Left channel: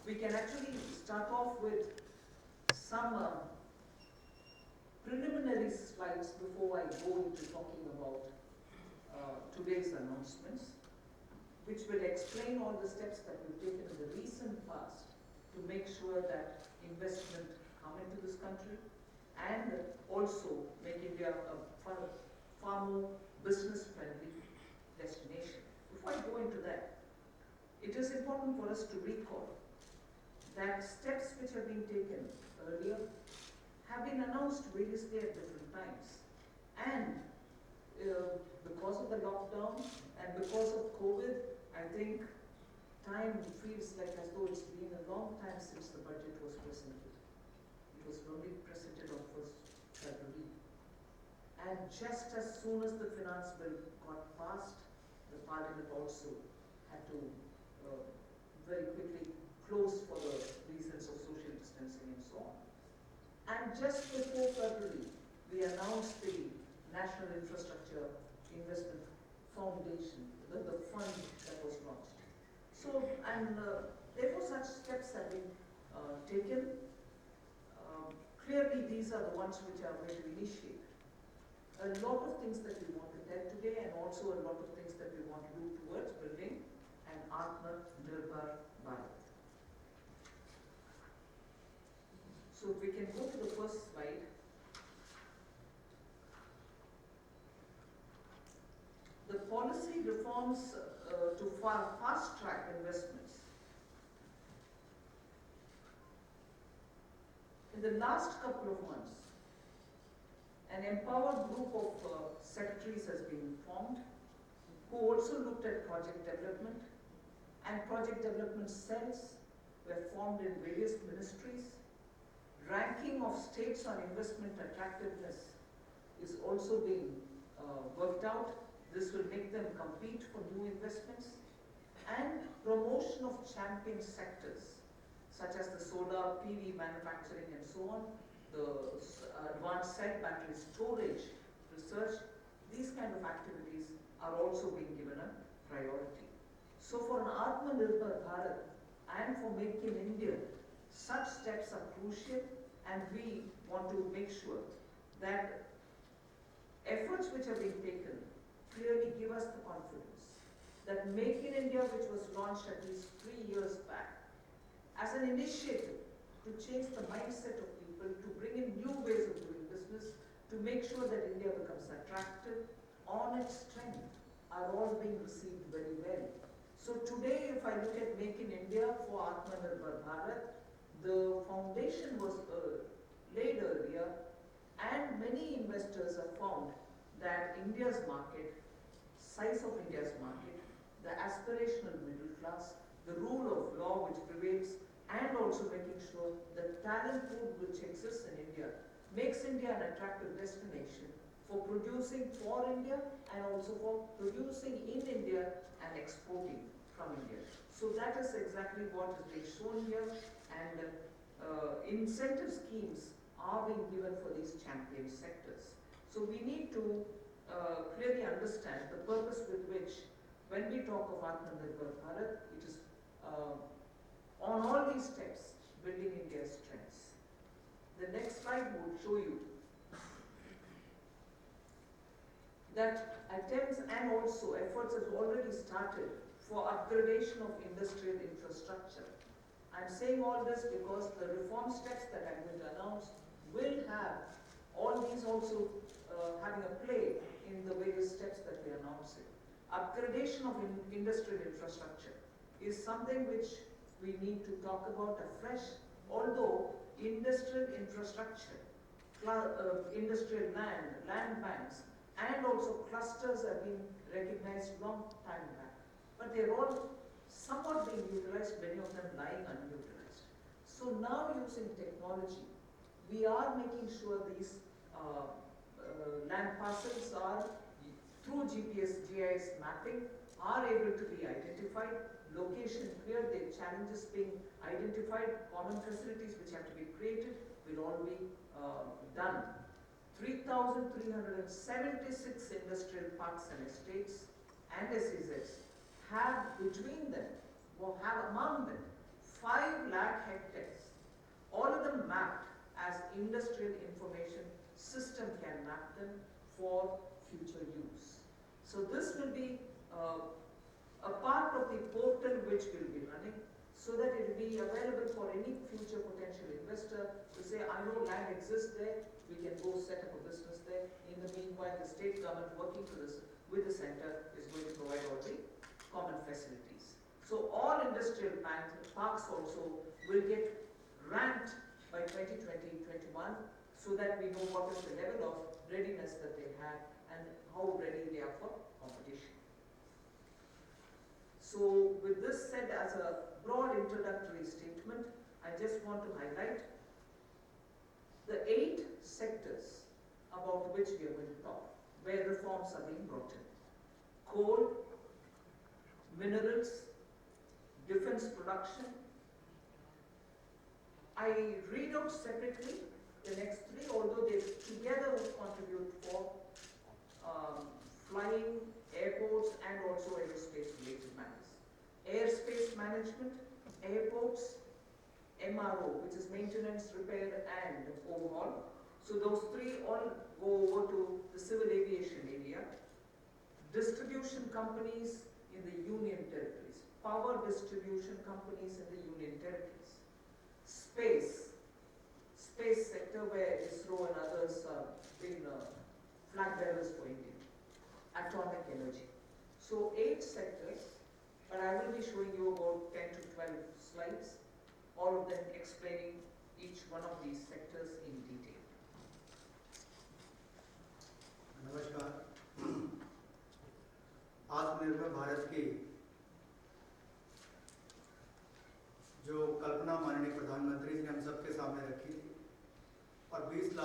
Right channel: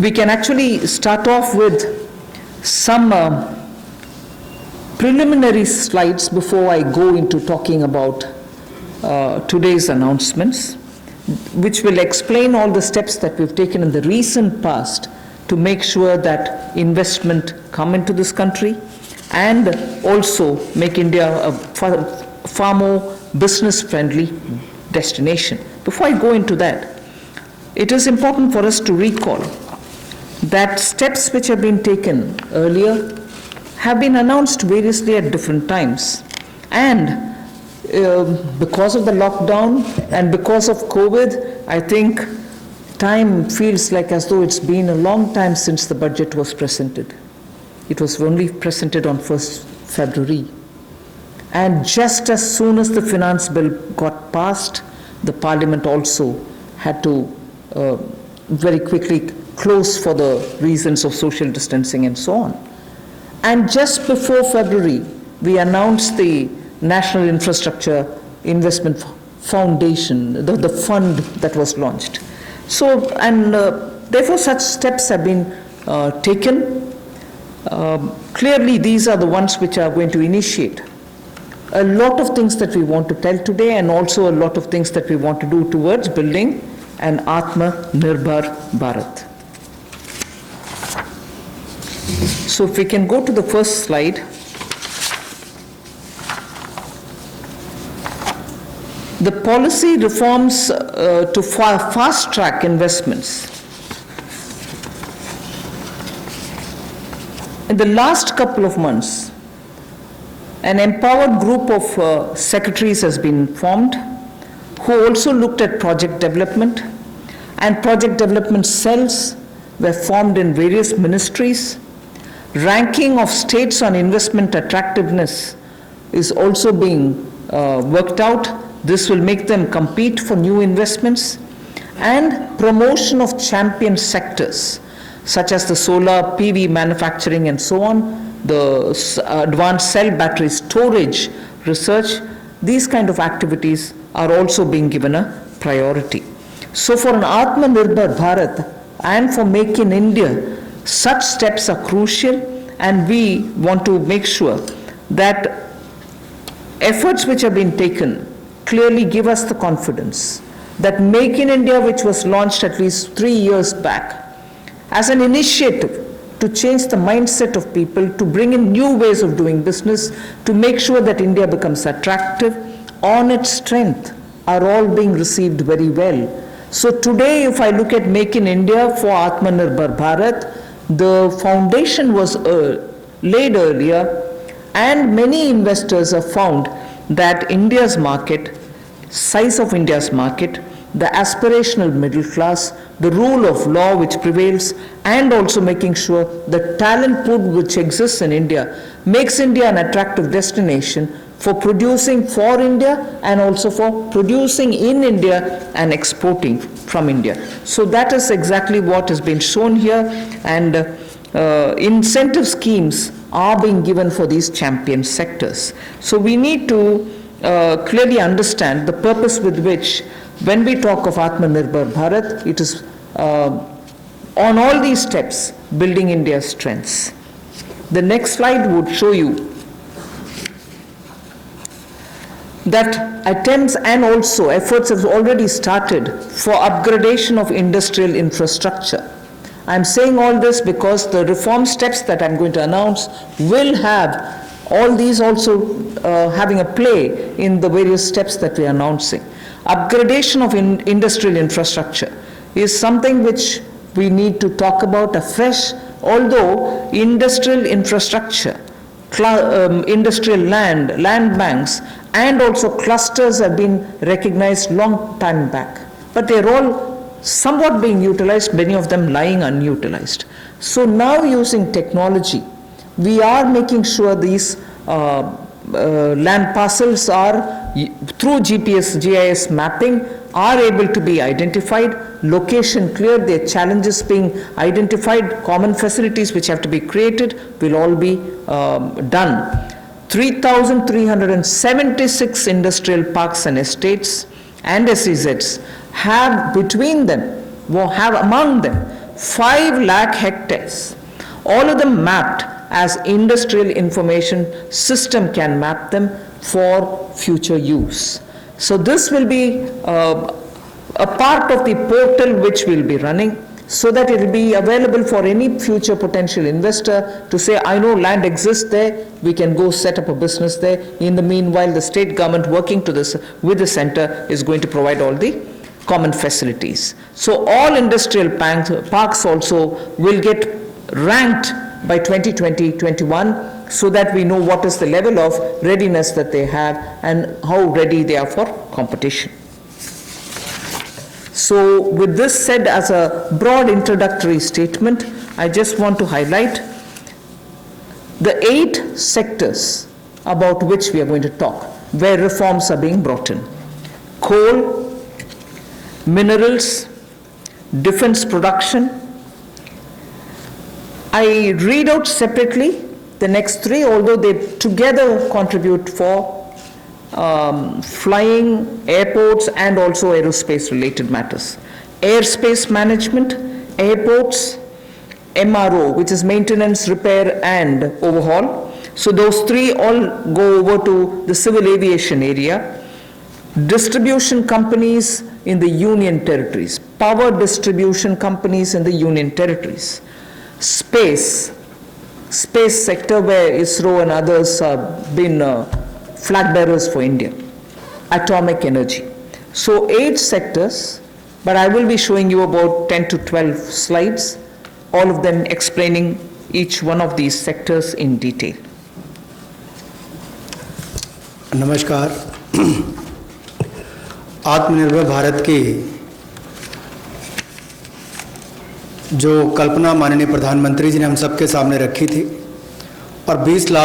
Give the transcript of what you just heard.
we can actually start off with some preliminary slides before I go into talking about today's announcements, which will explain all the steps that we've taken in the recent past to make sure that investment come into this country and also make India a far more business-friendly destination. Before I go into that, it is important for us to recall that steps which have been taken earlier have been announced variously at different times. And because of the lockdown and because of COVID, I think time feels like as though it's been a long time since the budget was presented. It was only presented on 1st February. And just as soon as the finance bill got passed, the Parliament also had to very quickly close for the reasons of social distancing and so on. And just before February, we announced the National Infrastructure Investment Foundation, the fund that was launched. So, and therefore such steps have been taken. Clearly, these are the ones which are going to initiate a lot of things that we want to tell today, and also a lot of things that we want to do towards building an Atmanirbhar Bharat. So if we can go to the first slide. The policy reforms to fast-track investments. In the last couple of months, an empowered group of secretaries has been formed who also looked at project development, and project development cells were formed in various ministries. Ranking of states on investment attractiveness is also being worked out. This will make them compete for new investments. And promotion of champion sectors, such as the solar PV manufacturing and so on, the advanced cell battery storage research, these kind of activities are also being given a priority. So for an Atmanirbhar Bharat and for Make in India, such steps are crucial, and we want to make sure that efforts which have been taken clearly give us the confidence that Make in India, which was launched at least 3 years back, as an initiative to change the mindset of people, to bring in new ways of doing business, to make sure that India becomes attractive on its strength, are all being received very well. So today, if I look at Make in India for Atmanirbhar Bharat, the foundation was laid earlier, and many investors have found that India's market, size of India's market, the aspirational middle class, the rule of law which prevails, and also making sure the talent pool which exists in India makes India an attractive destination for producing for India and also for producing in India and exporting from India. So that is exactly what has been shown here, and incentive schemes are being given for these champion sectors. So we need to clearly understand the purpose with which, when we talk of Atmanirbhar Bharat, it is on all these steps building India's strengths. The next slide would show you that attempts and also efforts have already started for upgradation of industrial infrastructure. I'm saying all this because the reform steps that I'm going to announce will have all these also having a play in the various steps that we are announcing. Upgradation of industrial infrastructure is something which we need to talk about afresh, although industrial infrastructure, industrial land banks, and also clusters have been recognized long time back. But they're all somewhat being utilized, many of them lying unutilized. So now, using technology, we are making sure these land parcels are, through GPS, GIS mapping, are able to be identified, location clear, their challenges being identified, common facilities which have to be created will all be done. 3,376 industrial parks and estates and SEZs have between them, have among them 5 lakh hectares, all of them mapped as industrial information system can map them for future use. So this will be a part of the portal which will be running, so that it will be available for any future potential investor to say, I know land exists there, we can go set up a business there. In the meanwhile, the state government working to this with the center is going to provide all the common facilities. So all industrial parks also will get ranked by 2020-21, so that we know what is the level of readiness that they have and how ready they are for competition. So with this said as a broad introductory statement, I just want to highlight the 8 sectors about which we are going to talk, where reforms are being brought in. Coal, minerals, defense production. I read out separately the next 3, although they together contribute for flying, airports, and also aerospace related matters. Airspace management, airports, MRO, which is maintenance, repair, and overhaul. So those 3 all go over to the civil aviation area. Distribution companies in the union territories, power distribution companies in the union territories. Space sector, where ISRO and others have been flag bearers for India. Atomic energy. So 8 sectors, but I will be showing you about 10 to 12 slides, all of them explaining each one of these sectors in detail. नमस्कार। आत्मनिर्भर भारत की जो कल्पना माननीय प्रधानमंत्री जी ने हम सबके सामने रखी थी और 20 लाख